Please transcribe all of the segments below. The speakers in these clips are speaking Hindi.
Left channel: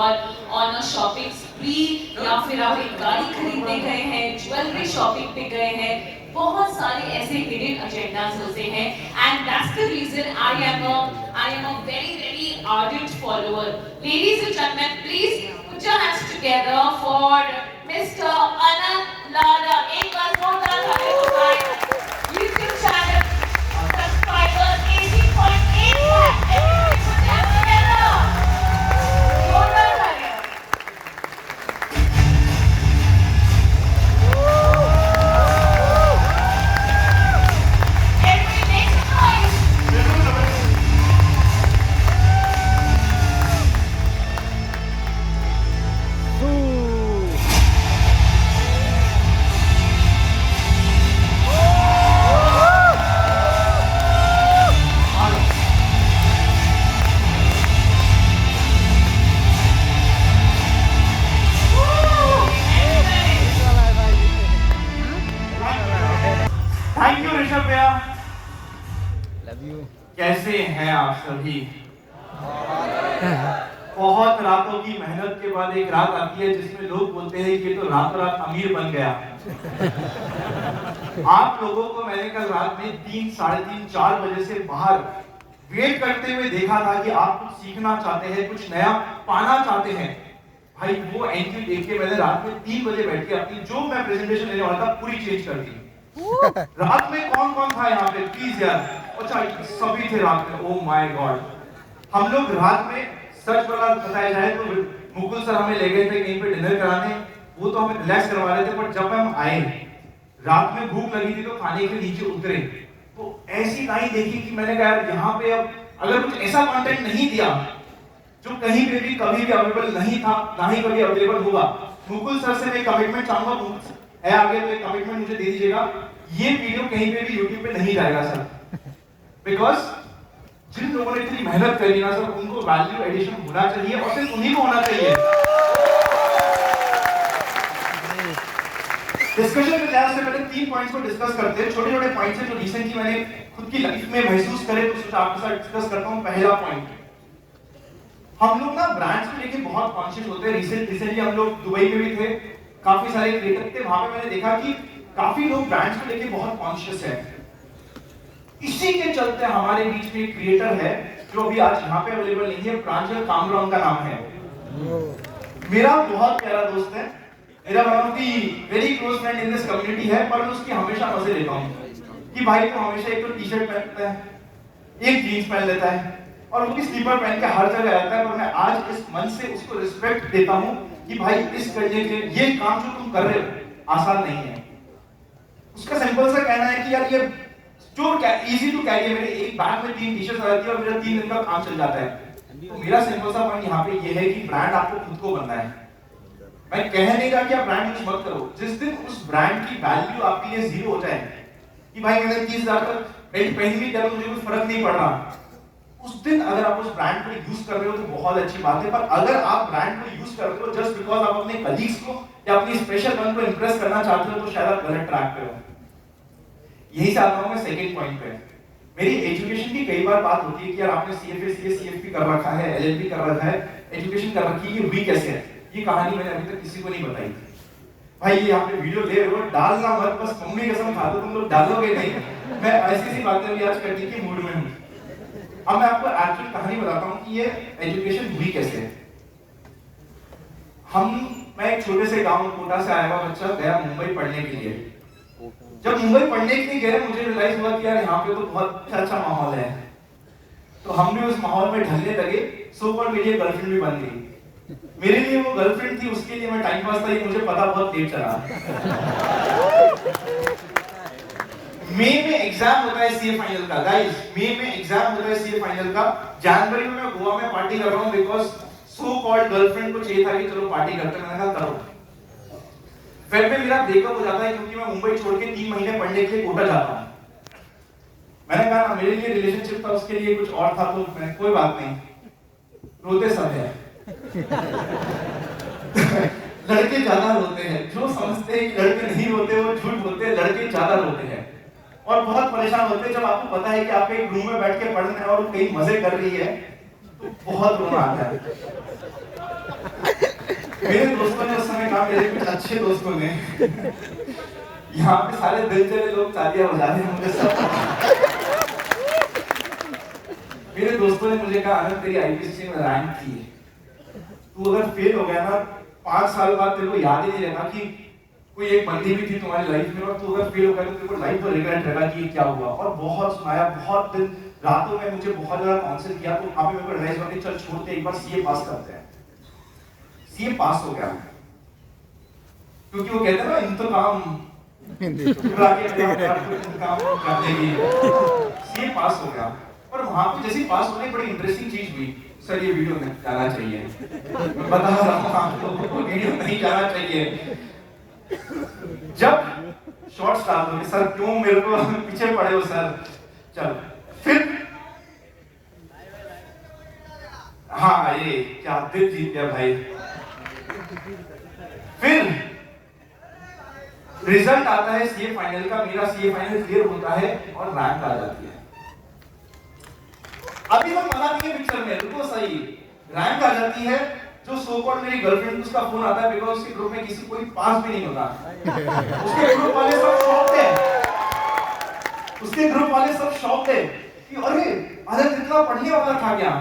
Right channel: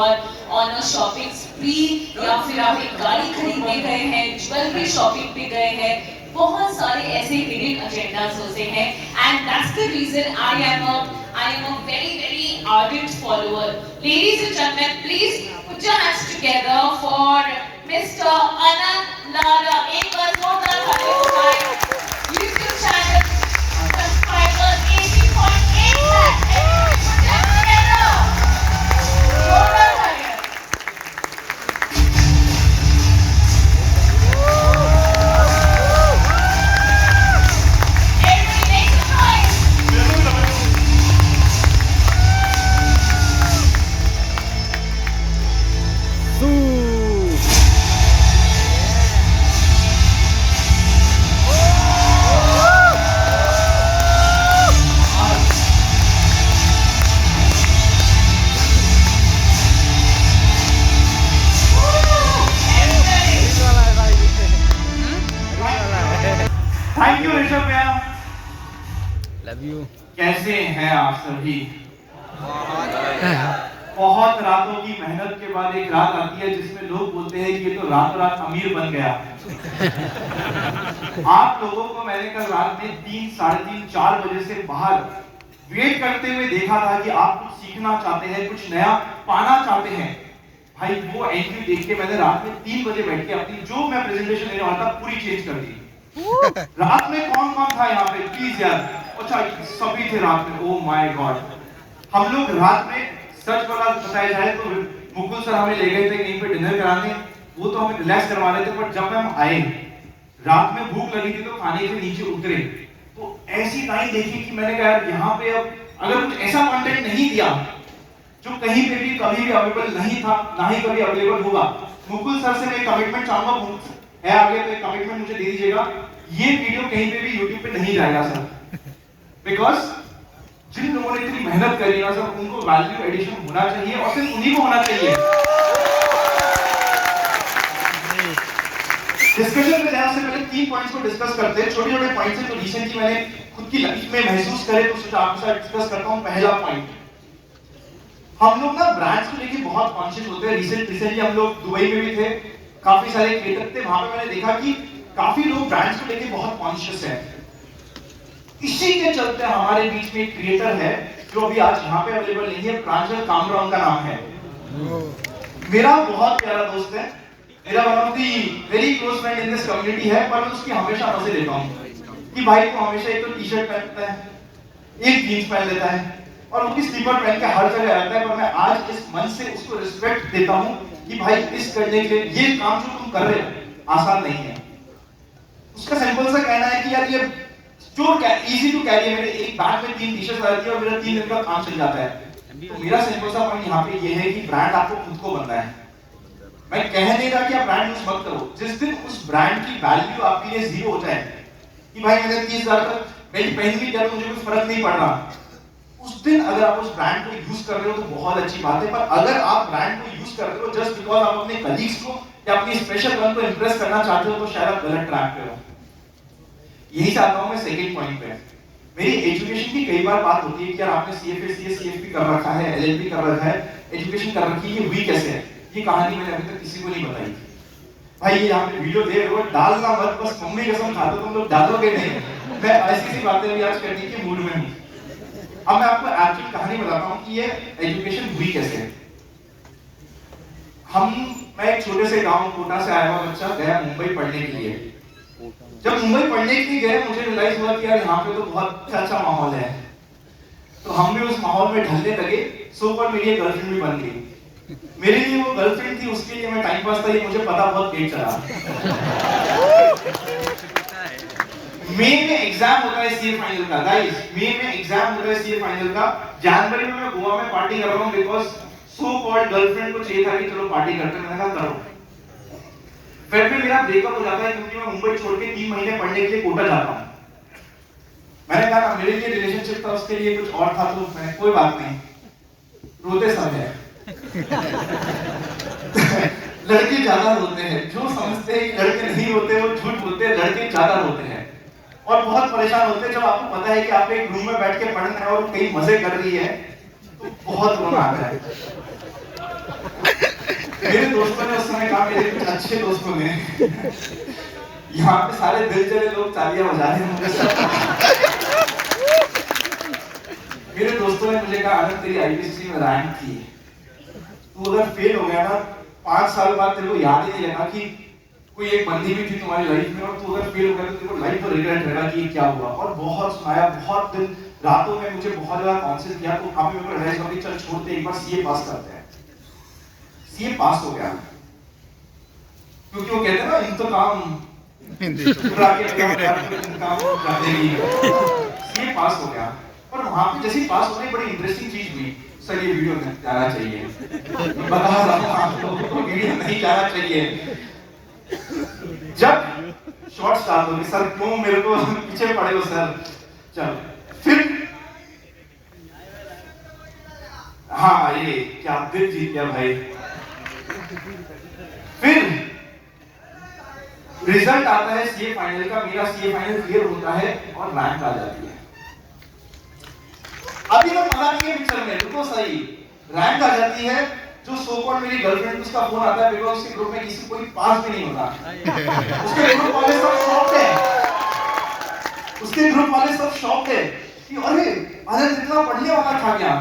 ऑन अ शॉपिंग स्प्री, या फिर आप एक गाड़ी खरीदने गए हैं, ज्वेलरी शॉपिंग पे गए हैं, बहुत सारे ऐसे हिडन एजेंडास होते हैं। And that's the reason I am a very ardent follower. Ladies and gentlemen, please put your hands together for Mr. Anand Lada. एक बार जोरदार तालियां बजाएं। YouTube channel subscribers 18.8 lakh. Everybody put your hands together. जोरदार तालियां। Everybody make some noise. Thank you Rishabh भैया। Love you. कैसे हैं आप सभी? बहुत रातों की मेहनत के बाद एक रात आती है जिसमें लोग बोलते हैं कि ये तो रात रात अमीर बन गया। आप लोगों को मैंने कल रात में 3, साढ़े 3, 4 बजे से बाहर वेट करते हुए देखा था कि आप कुछ सीखना चाहते हैं, कुछ नया पाना चाहते हैं। भाई वो एंट्री देख के मैंने रात में 3 बजे बैठ के अपनी जो मैं प्रेजेंटेशन देने वाला था पूरी चेंज कर दी। रात में कौन कौन था यहाँ पे प्लीज यार? अच्छा सभी थे रात में। ओ माय गॉड, हम लोग रात में सच बताया जाए तो मुकुल सर हमें ले गए थे कहीं पे डिनर कराने, वो तो हमें रिलैक्स करवा रहे थे, पर जब हम आए रात में भूख लगी थी तो खाने के नीचे उतरे तो ऐसी लाइन देखी कि मैंने कहा यार यहाँ पे अब अगर कुछ ऐसा कंटेंट नहीं दिया जो कहीं पे भी कभी भी अवेलेबल नहीं था, ना ही कभी अवेलेबल होगा। मुकुल सर से मैं कमिटमेंट चाहूंगा है आगे तो एक कमिटमेंट मुझे दे दीजिएगा, ये वीडियो कहीं पे भी YouTube पे नहीं जाएगा सर। बिकॉज जिन लोगों ने इतनी मेहनत करी ना सर, उनको वैल्यू एडिशन होना चाहिए और सिर्फ उन्हीं को होना चाहिए। डिस्कशन में जाने से पहले 3 पॉइंट्स को डिस्कस करते हैं, छोटे छोटे पॉइंट्स हैं जो रिसेंटली मैंने खुद की लाइफ में महसूस करे तो सोचा आपके साथ डिस्कस करता हूं। पहला पॉइंट, हम लोग ना ब्रांड्स को लेके बहुत कॉन्शियस होते हैं। रिसेंटली हम लोग दुबई में भी थे, काफी सारे क्रिएटर थे, वहां पे मैंने देखा कि काफी लोग ब्रांड्स को लेके बहुत कॉन्शियस है। इसी के चलते हमारे बीच में एक क्रिएटर है जो अभी आज यहाँ पे अवेलेबल नहीं है, प्रांजल कामरा उनका नाम है। मेरा बहुत प्यारा दोस्त है, मेरा one of the very close friend in this community है, पर मैं उसकी हमेशा मजे लेता हूँ कि भाई तो हमेशा एक तो टी शर्ट पहनता है, एक जीन्स पहन लेता है और वो भी स्लीपर पहन के हर जगह रहता है। पर मैं आज इस मन से उसको रिस्पेक्ट देता हूँ कि भाई इस करने के ये काम जो तुम कर रहे हो आसान नहीं है। उसका सिंपल सा कहना है कि यार ये जो इजी टू कैरी है, मेरे एक बैग में 3 टी-शर्ट रहती है और मेरा 3 दिन का काम चल जाता है। तो मेरा सिंपल सा पॉइंट यहाँ पे ये है कि ब्रांड आपको खुद को बनना है। मैं कह नहीं रहा कि आप ब्रांड यूज मत करो, जिस दिन उस ब्रांड की वैल्यू आपके लिए 0 हो जाए कि भाई मैंने 30,000 का बेल्ट पहन भी दिया तो मुझे कुछ फर्क नहीं पड़ रहा, उस दिन अगर आप उस ब्रांड को यूज कर रहे हो तो बहुत अच्छी बात है। पर अगर आप ब्रांड को यूज कर रहे हो जस्ट बिकॉज आप अपने कलीग्स को या अपनी स्पेशल वन को इंप्रेस करना चाहते हो तो शायद आप गलत ट्रैक पे हो। यही चाहता हूं मैं सेकंड पॉइंट पे। मेरी एजुकेशन की कई बार बात होती है कि यार आपने सीएफए सीएससीएफपी कर रखा है, एलएलबी कर रखा है, एजुकेशन कर रखी है, ये हुई कैसे है? ये कहानी मैंने अभी तक किसी को नहीं बताई। भाई ये यहाँ पे वीडियो दे रहे हो, डालना मत, बस मम्मी कसम खा दो तुम लोग डालोगे नहीं। मैं ऐसी सी बातें अभी आज करने के मूड में हूँ। अब मैं आपको एक्चुअल कहानी बताता हूँ कि ये एजुकेशन हुई कैसे। मैं एक छोटे से गांव कोटा से आया हुआ बच्चा गया मुंबई पढ़ने के लिए। जब मुंबई पढ़ने के लिए गए मुझे रियलाइज हुआ कि यार यहाँ पे तो बहुत अच्छा माहौल है, तो हम भी उस माहौल में ढलने लगे। सो पर मेरी गर्लफ्रेंड भी बन गई। मेरे लिए वो गर्लफ्रेंड थी, उसके लिए मैं टाइम पास था, ये मुझे पता बहुत लेट चला। मई में एग्जाम होता है सीए फाइनल का, गाइस मई में एग्जाम होता है सीए फाइनल का। जनवरी में मैं गोवा में पार्टी कर रहा हूँ बिकॉज सो कॉल्ड गर्लफ्रेंड को चाहिए था कि चलो पार्टी करते हैं। मैंने कहा करो। फिर में मेरा ब्रेकअप हो जाता है क्योंकि मैं मुंबई छोड़ के 3 महीने पढ़ने के लिए कोटा जाता हूँ। मैंने कहा मेरे लिए रिलेशनशिप था, उसके लिए कुछ और था, तो मैं कोई बात नहीं, रोते सब है। लड़के ज्यादा रोते हैं, जो समझते हैं कि लड़के नहीं रोते वो झूठ बोलते हैं, लड़के ज्यादा रोते हैं और बहुत परेशान होते हैं जब आपको पता है कि आप एक रूम में बैठ के पढ़ रहे हैं और कई मजे कर रही है तो बहुत रोना आता है। मेरे दोस्तों ने उस समय कहा, मेरे कुछ अच्छे दोस्तों ने, यहाँ पे सारे दिल चले लोग तालियां बजा रहे हैं मुझे सब। मेरे दोस्तों ने मुझे कहा, आनंद तेरी आईपीसीसी में रैंक थी, तू अगर फेल हो गया ना 5 साल बाद तेरे को याद ही नहीं रहेगा कि कोई एक बंदी भी थी तुम्हारी लाइफ में, और तू अगर फेल हो गया तो तेरे को लाइफ में रिग्रेट रहेगा कि क्या हुआ। और बहुत सुनाया, बहुत दिन रातों में मुझे बहुत ज्यादा काउंसिल किया, तो वहां पे मेरे को रियलाइज हुआ कि चल छोड़ दे, एक बार सीए पास करते हैं। सीए पास हो गया, क्योंकि वो कहते हैं ना इंतकाम चुरा के इंतकाम कर देगी। सीए पास हो गया, और वहां पे जैसे ही पास होने बड़ी इंटरेस्टिंग चीज हुई। सर ये वीडियो में जाना चाहिए, बता रहा हूं आप लोगों को, वीडियो नहीं जाना चाहिए। जब शॉर्ट स्टार्ट हो गई, सर क्यों मेरे को पीछे पड़े हो सर, चल फिर हाँ ये क्या दिल जीत गया भाई। फिर रिजल्ट आता है सीए फाइनल का, मेरा सीए फाइनल क्लियर होता है और रैंक आ जाती है। अभी तो मना नहीं है पिक्चर में, रुको सही, रैंक आ जाती है। जो सो कॉल्ड मेरी गर्लफ्रेंड, उसका फोन आता है, बिकॉज़ उसके ग्रुप में किसी कोई पास भी नहीं होता। उसके ग्रुप वाले सब शॉक्ड है, उसके ग्रुप वाले सब शॉक्ड है कि अरे आनंद इतना पढ़ने वाला था क्या,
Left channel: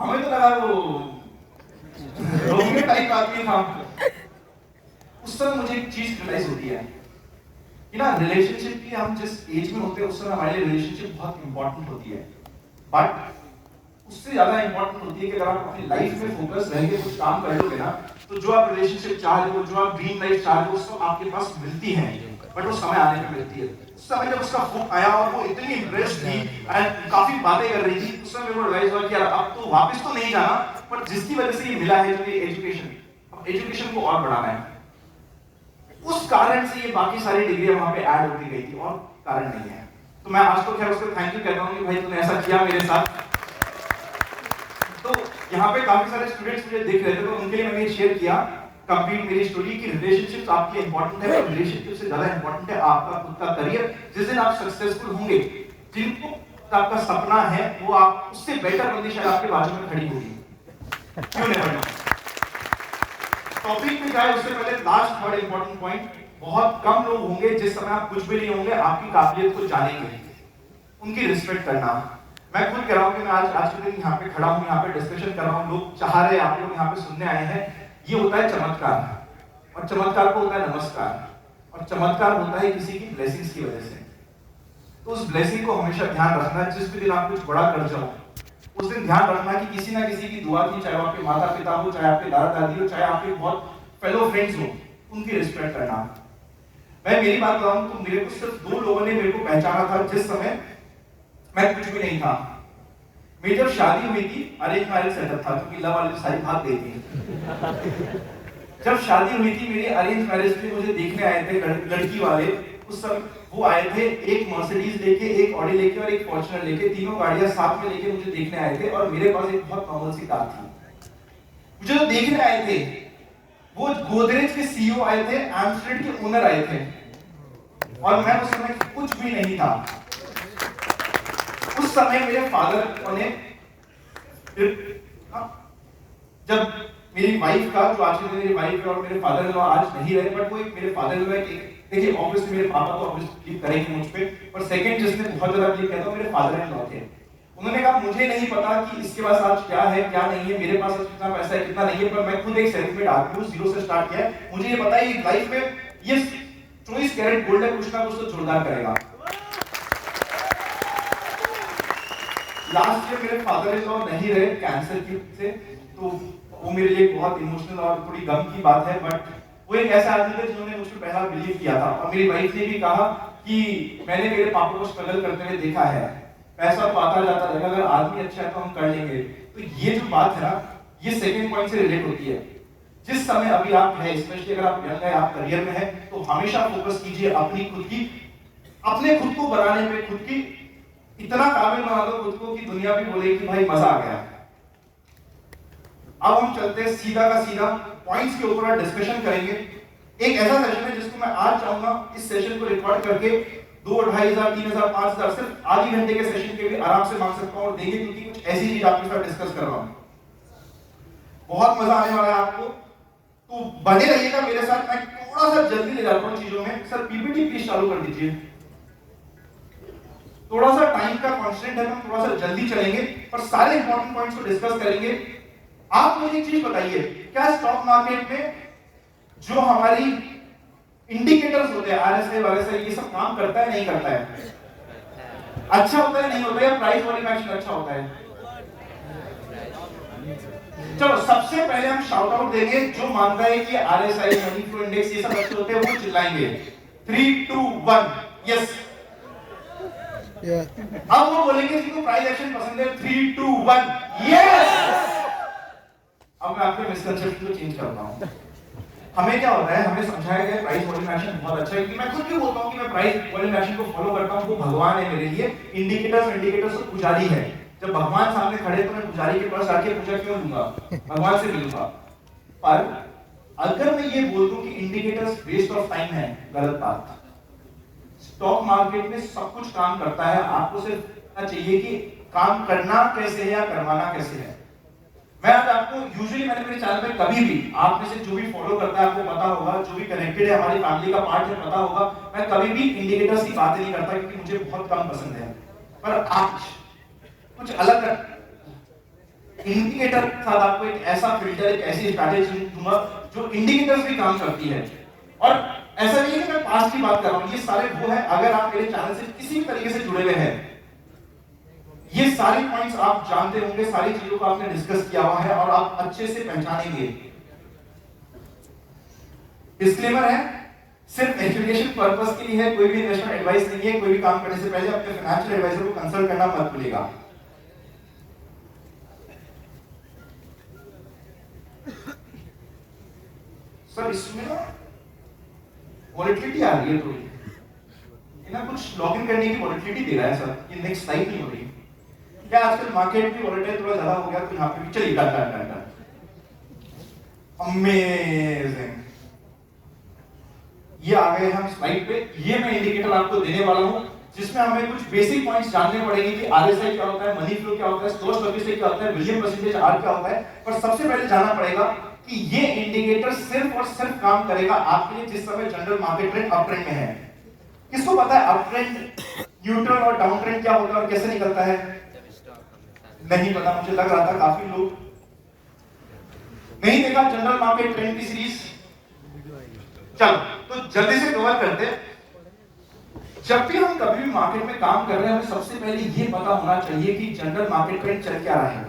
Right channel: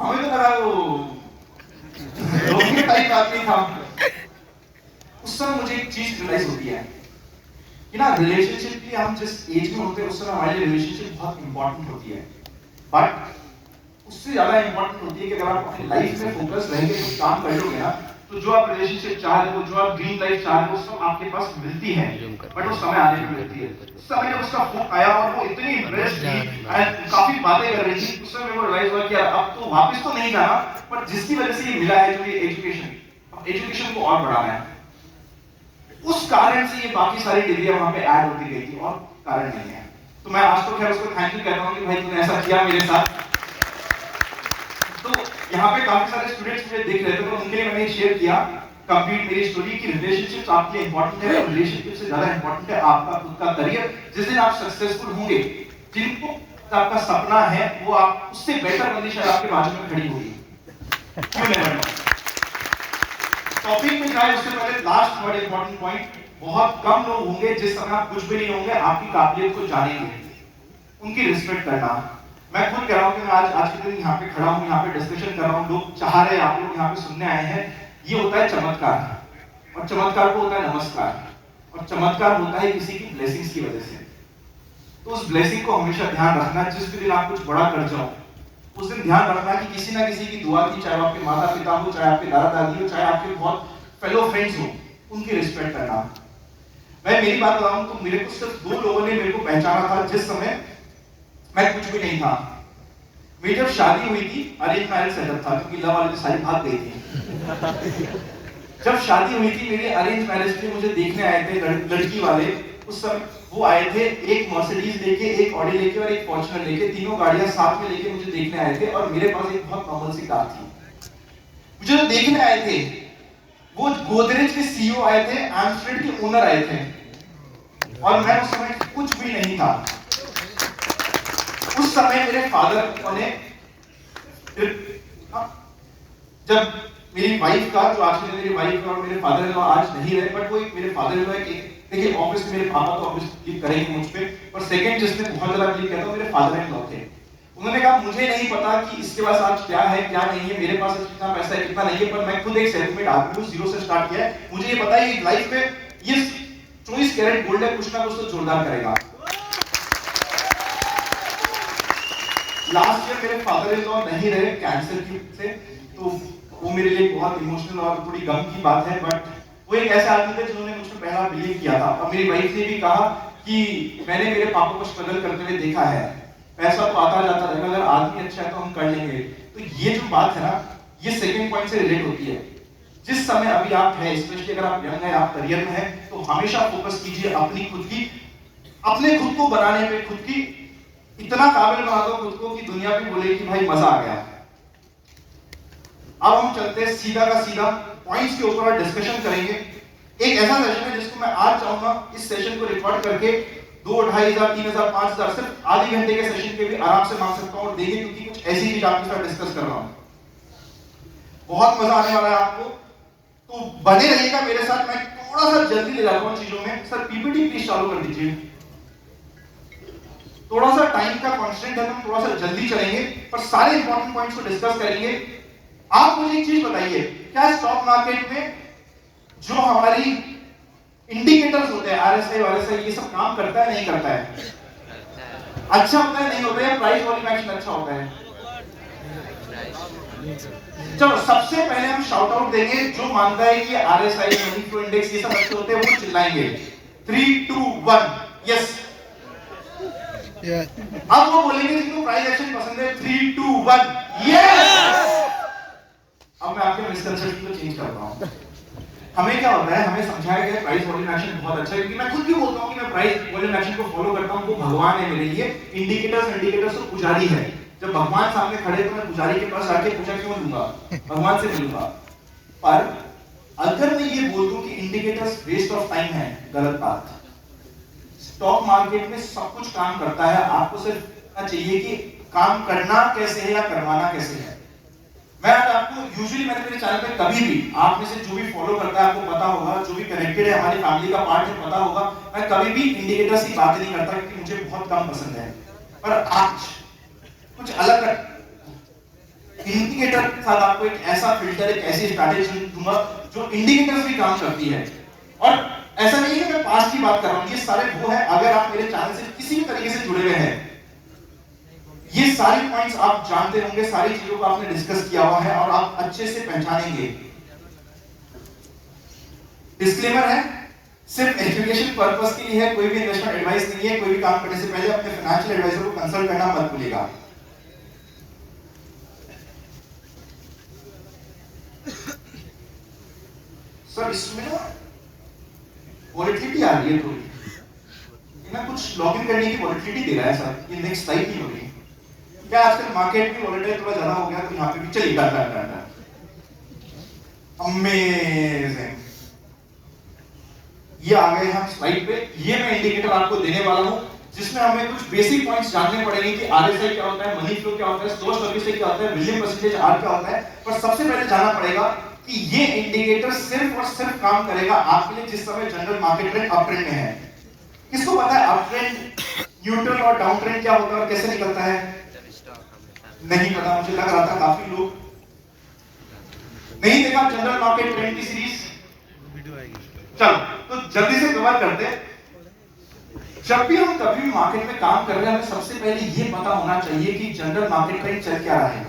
हमें तो लगा वो रोमियो टाइप आदमी था। उस समय मुझे एक चीज रियलाइज होती है कि ना रिलेशनशिप की हम जिस एज में होते हैं उस समय हमारे रिलेशनशिप बहुत इंपॉर्टेंट होती है, बट उससे ज्यादा इंपॉर्टेंट होती है कि अगर आप अपनी लाइफ में फोकस रहेंगे, कुछ काम करोगे ना, तो जो आप रिलेशनशिप चाह रहे हो, जो आप ड्रीम लाइफ चाह रहे हो, उसको आपके पास मिलती है, बट वो समय आने पे मिलती है। उस समय जब उसका फोन आया और वो इतनी इंप्रेस्ड थी एंड काफी बातें कर रही थी, उस समय मेरे को रियलाइज हुआ कि यार अब तो वापस तो नहीं जाना, पर जिसकी वजह से ये मिला है, जो ये एजुकेशन, अब एजुकेशन को और बढ़ाना है, उस कारण से ये बाकी सारी डिग्रियां वहां पे ऐड होती गई थी, और कारण नहीं है। तो मैं आज तो खैर उसको थैंक यू कहता हूं कि भाई तूने ऐसा किया मेरे साथ। तो यहाँ पे काफी सारे स्टूडेंट्स मुझे देख रहे थे, तो उनके लिए मैंने शेयर किया कंप्लीट मेरी स्टोरी की रिलेशनशिप्स आपके लिए इंपॉर्टेंट है, और रिलेशनशिप से ज्यादा इंपॉर्टेंट है आपका खुद का करियर। जिस दिन आप सक्सेसफुल होंगे, जिनको आपका सपना है, वो आप उससे बेटर बंदी शायद आपके बाजू में खड़ी होगी। क्यों नहीं? टॉपिक में जाए उससे पहले लास्ट बड़ा इंपॉर्टेंट पॉइंट, बहुत कम लोग होंगे जिस समय आप कुछ भी नहीं होंगे आपकी काबिलियत को जानेंगे, उनकी रिस्पेक्ट करना। मैं खुद कह रहा हूं कि मैं आज के दिन यहाँ पे खड़ा हूँ, यहाँ पे डिस्कशन कर रहा हूँ, लोग चाह रहे हैं, आप लोग यहाँ पे सुनने आए हैं, ये होता है चमत्कार, और चमत्कार को होता है नमस्कार, और चमत्कार होता है किसी की ब्लेसिंग्स की वजह से। तो उस ब्लेसिंग को हमेशा ध्यान रखना, जिस दिन आप कुछ बड़ा कर जाओ उस दिन ध्यान रखना कि किसी ना किसी की दुआ थी, चाहे आपके माता पिता हो, चाहे आपके दादा दादी हो, चाहे आपके बहुत फेलो फ्रेंड्स हो, उनकी रिस्पेक्ट करना। मैं मेरी बात बताऊं तो मेरे को सिर्फ 2 लोगों ने मेरे को पहचाना था जिस समय मैं कुछ भी नहीं था। मेरी जब शादी हुई थी, अरेंज मैरिज सेटअप था, क्योंकि लव वाली तो सारी भाग गई थी। जब शादी हुई थी मेरी अरेंज मैरिज थी, मुझे देखने आए थे लड़की वाले, उस समय वो आए थे एक मर्सिडीज लेके, एक ऑडी लेके और एक फॉर्च्यूनर लेके, तीनों गाड़ियां साथ में लेके मुझे देखने आए थे, और मेरे पास एक बहुत नॉर्मल सी कार थी। मुझे जो देखने आए थे वो गोदरेज के सीईओ आए थे, एमस्ट्रेड के ओनर आए थे, और मैं उस समय कुछ भी नहीं था। उस समय मेरे फादर ने, जब मेरी वाइफ का, जो आज मेरी वाइफ का और मेरे फादर इन लॉ आज नहीं रहे, बट वो एक मेरे फादर इन लॉ एक, देखिए ऑब्वियसली मेरे पापा तो ऑब्वियसली क्लिक करेंगे मुझ पे, पर सेकंड जिसने बहुत ज्यादा क्लिक किया था मेरे फादर इन लॉ थे। उन्होंने कहा मुझे नहीं पता कि इसके पास आज क्या है क्या नहीं है, मेरे पास आज कितना पैसा है कितना नहीं है, पर मैं खुद एक सेटलमेंट आदमी हूं, जीरो से स्टार्ट किया है, मुझे ये पता है कि लाइफ में ये 24 कैरेट गोल्ड है, कुछ ना कुछ तो जोरदार करेगा। लास्ट ईयर मेरे फादर इन लॉ नहीं रहे कैंसर से, तो वो मेरे लिए बहुत इमोशनल और थोड़ी गम की बात है, बट वो एक ऐसे आदमी थे जिन्होंने मुझ पर पहला बिलीव किया था। और मेरी वाइफ ने भी कहा कि मैंने मेरे पापा को स्ट्रगल करते हुए देखा है, पैसा तो आता जाता रहेगा, अगर आदमी अच्छा है तो हम कर लेंगे। तो ये जो बात है ना, ये सेकंड पॉइंट से रिलेट होती है। जिस समय अभी आप हैं, स्पेशली अगर आप यंग हैं, आप करियर में हैं, तो हमेशा फोकस कीजिए अपनी खुद की, अपने खुद को बनाने में, खुद की इतना काबिल बना दो खुद को कि दुनिया भी बोले कि भाई मजा आ गया। अब हम चलते हैं सीधा का सीधा पॉइंट्स के ऊपर डिस्कशन करेंगे। एक ऐसा सेशन है जिसको मैं आज चाहूंगा इस सेशन को रिकॉर्ड करके 2, 2,500, 3,000, 5,000 सिर्फ आधी घंटे के सेशन के भी आराम से मांग सकता हूं और देंगे, क्योंकि कुछ ऐसी चीज आपके साथ डिस्कस कर रहा हूं। बहुत मजा आने वाला है आपको। तो बने रहिएगा मेरे साथ, मैं थोड़ा सा जल्दी ले जाता हूँ चीजों में। सर पीपीटी प्लीज चालू कर दीजिए। थोड़ा सा टाइम का कांस्टेंट है, हम थोड़ा सा जल्दी चलेंगे पर सारे इंपॉर्टेंट पॉइंट्स को डिस्कस करेंगे। आप मुझे एक चीज बताइए, क्या स्टॉक मार्केट में जो हमारी इंडिकेटर्स होते हैं आरएसआई वारएसआई ये सब काम करता है नहीं करता है? अच्छा होता है नहीं होता है? प्राइस वॉल्यूम एक्शन अच्छा होता है? चलो सबसे पहले हम शाउट आउट देंगे जो मानता है कि आरएसआई मनी फ्लो इंडेक्स ये सब अच्छे होते हैं, वो चिल्लाएंगे 3 2 1 यस। अब वो बोलेंगे जिनको प्राइस एक्शन पसंद है 3 2 1 यस। अब मैं आपके मिसकंसेप्शन को चेंज करता हूं। हमें क्या होता है, हमें समझाया गया प्राइस वॉल्यूम एक्शन बहुत अच्छा है, क्योंकि मैं खुद भी बोलता हूं कि मैं प्राइस वॉल्यूम एक्शन को फॉलो करता हूं, वो भगवान है मेरे लिए। इंडिकेटर्स तो पुजारी है। जब भगवान सामने खड़े तो मैं पुजारी के पास जाके पूजा क्यों लूंगा, भगवान से मिलूंगा। पर अगर मैं ये बोल दूं कि इंडिकेटर्स वेस्ट ऑफ टाइम है, गलत बात। स्टॉक मार्केट में सब कुछ काम करता है, आपको सिर्फ पता चाहिए कि काम करना कैसे है या करवाना कैसे है। मैं आज आपको यूजुअली मैंने मेरे चैनल पे कभी भी, आप में से जो भी फॉलो करता है आपको पता होगा, जो भी कनेक्टेड है हमारी फैमिली का पार्ट है पता होगा, मैं कभी भी इंडिकेटर्स की बात नहीं करता क्योंकि मुझे बहुत कम पसंद है। पर आज कुछ अलग कर इंडिकेटर के साथ आपको एक ऐसा फिल्टर, एक ऐसी स्ट्रैटेजी दूंगा जो इंडिकेटर्स भी काम करती है। और ऐसा नहीं है कि मैं पास्ट की बात कर रहा हूं, ये सारे वो है, अगर आप मेरे चैनल से किसी भी तरीके से जुड़े हुए हैं, ये सारी पॉइंट्स आप जानते होंगे, सारी चीजों को आपने डिस्कस किया हुआ है और आप अच्छे से पहचानेंगे। डिस्क्लेमर है, सिर्फ एजुकेशन पर्पस के लिए है, कोई भी इन्वेस्टमेंट एडवाइस नहीं है। कोई भी काम करने से पहले अपने फाइनेंशियल एडवाइजर को कंसल्ट करना मत भूलिएगा। सर इसमें ना वॉलेटिलिटी आ रही है थोड़ी, ना कुछ लॉगिन करने की वॉलेटिलिटी दे रहा है सर, ये नेक्स्ट टाइप नहीं हो रही क्या? आजकल मार्केट भी वॉलेटाइल थोड़ा ज्यादा हो गया, तो यहाँ पे भी चलिए डाटा अमेजिंग। ये आ गए हम स्लाइड पे। ये मैं इंडिकेटर आपको देने वाला हूं जिसमें हमें कुछ बेसिक पॉइंट्स जानने पड़ेंगे कि आरएसआई क्या होता है, मनी फ्लो क्या होता है, स्टॉक स्टॉकिस्टिक क्या होता है, विलियम परसेंटेज आर क्या होता है। पर सबसे पहले जानना पड़ेगा कि ये इंडिकेटर सिर्फ और सिर्फ काम करेगा आपके लिए जिस समय general market trend up trend में है। किसको पता है अप ट्रेंड, न्यूट्रल और डाउन ट्रेंड क्या होता है और कैसे निकलता है? नहीं पता, मुझे लग रहा था काफी लोग नहीं देखा जनरल मार्केट ट्रेंड की सीरीज। चलो तो जल्दी से कवर करते हैं। जब भी हम कभी भी मार्केट में काम कर रहे हैं, हमें सबसे पहले ये पता होना चाहिए कि जनरल मार्केट ट्रेंड चल क्या रहा है।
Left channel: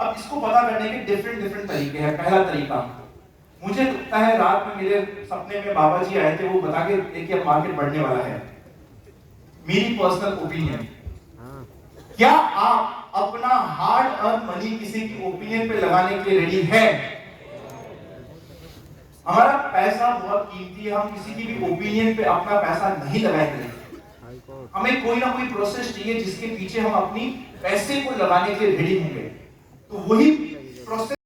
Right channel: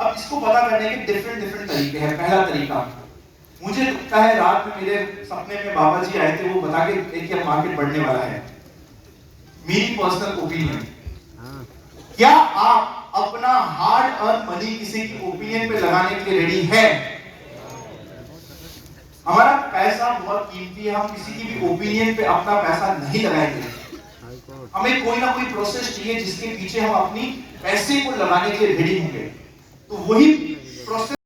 अब इसको पता करने के डिफरेंट तरीके हैं। पहला तरीका, मुझे लगता है रात में मेरे सपने में बाबा जी आए थे, वो बता के गए कि अब मार्केट बढ़ने वाला है। मेरी पर्सनल ओपिनियन, क्या आप अपना हार्ड अर्न मनी किसी की ओपिनियन पे लगाने के लिए रेडी है? हमारा पैसा बहुत कीमती है, हम किसी की भी ओपिनियन पे अपना पैसा नहीं लगाएंगे। हमें कोई ना कोई प्रोसेस चाहिए जिसके पीछे हम अपनी पैसे को लगाने के लिए रेडी होंगे। तो वही प्रोसेस